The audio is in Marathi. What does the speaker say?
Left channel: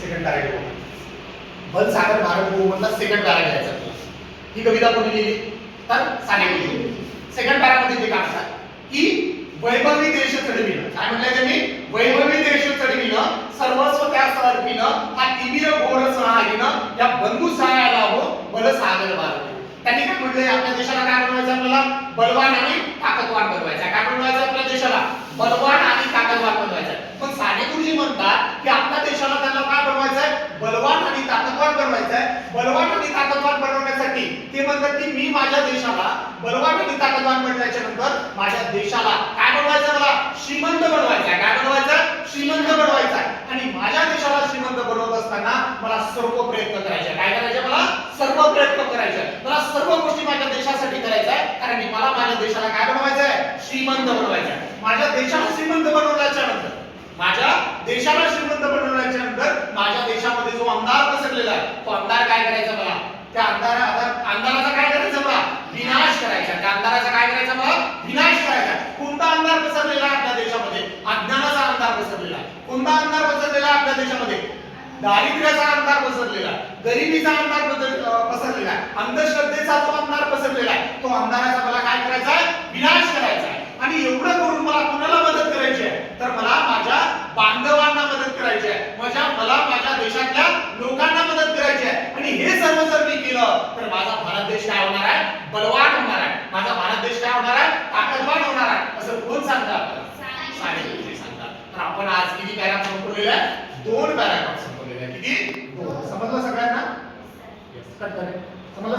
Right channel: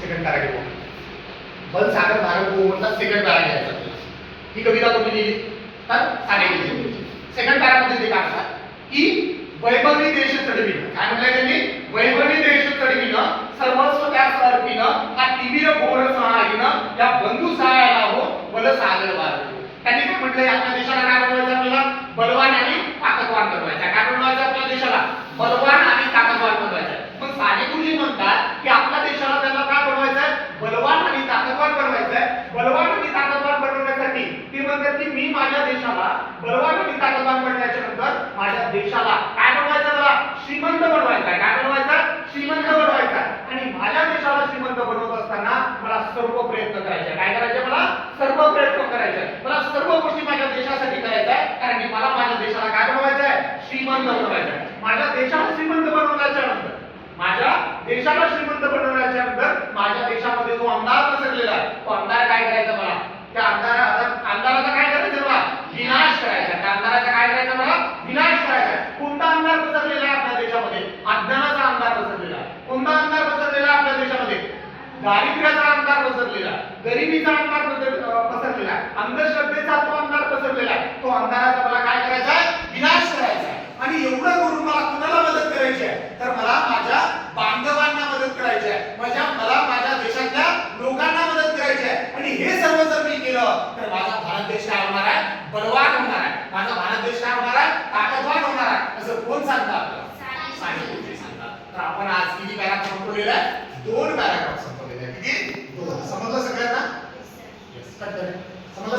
सेकंड पॅरा घेऊ. बल सागर भारत बहुमतला सेकंड पॅरा घ्यायचा. ही कविता कोणी लिहिली तर साने गुरुजी. सेकंड पॅरा मध्ये ते काय म्हणतात की वैभवी देश चढविलं. काय म्हटलंय त्यांनी? वैभवी देश चढविलं सर्वस्व त्यास अर्पिलं हा तिमिर घोर सहायीनं या बंधू सहायाला हो बल सागर भारत. त्यांनी काय म्हटलंय आपल्या देशाला काय बनवायचं? आपल्याला बलवान आणि ताकदवान बनवायचं. काय बनवायचं आपल्या देशाला? बलवान आणि ताकदवान बनवायचं. पण साने गुरुजी म्हणतात की आपल्या देशाला त्यांना काय बनवायचंय? बलवान आणि ताकदवान बनवायचंय. बलवान आणि ताकदवान बनवण्यासाठी ते म्हणतात की मी माझ्या देशाला बलवान आणि ताकदवान बनवायच्या नंतर माझ्या देशाला काय बनवायचं? मला श्रीमंत बनवायचं. काय बनवायचं? श्रीमंत बनवायचं. आणि माझ्या देशाला श्रीमंत बनवत असताना मला सर्व प्रयत्न करायचे. काय करायचे? मला सर्व प्रयत्न करायचे. मला सर्व गोष्टी माझ्या देशासाठी करायच्या आहे. कारण की मला माझ्या देशाला काय बनवायचं आहे? श्रीमंत बनवायचं आहे. माझ्या देशाला श्रीमंत बनवण्याच्या नंतर माझ्या देशाला श्रीमंत बनवण्याच्या नंतर माझ्या देशामध्ये जो अंधार पसरलेला आहे तो अंधार काय करायचा? मला त्या अंधाराचा काय करायचं? मला विनाश करायचा. त्या अंधाराचा काय करायचा? मला विनाश करायचा. कोणता अंधार पसरलेला आहे आपल्या देशामध्ये? अज्ञानाचा अंधार पसरलेला आहे. कोणता अंधार पसरलेला आहे आपल्या देशामध्ये? दारिद्र्याचा अंधार पसरलेला, गरिबीचा अंधार पसरलेला, अंधश्रद्धेचा जो अंधार पसरलेला आहे तो अंधाराचा मला काय करायचा आहे? विनाश करायचा आहे. आणि एवढं करून मला कुणाला मदत करायची आहे? तर मला माझ्या बांधवांना मदत करायची आहे. मला माझ्या देशातल्या लोकांना मदत करायची आहे. आणि हे सर्व जर मी केलं तर माझा भारत देश काय होणार आहे? बलवान होणार आहे. माझा भारत देश काय होणार आहे? ताकदवान होणार आहे. असं कोण सांगतात? साने गुरुजी सांगतात. तर आपण आज किती पॅराग्राफ संपवलेले आहे? 2 पॅराग्राफ संपवलेले आहे. किती? 2. समजलं सगळ्यांना? यस. कट करा. समजलं?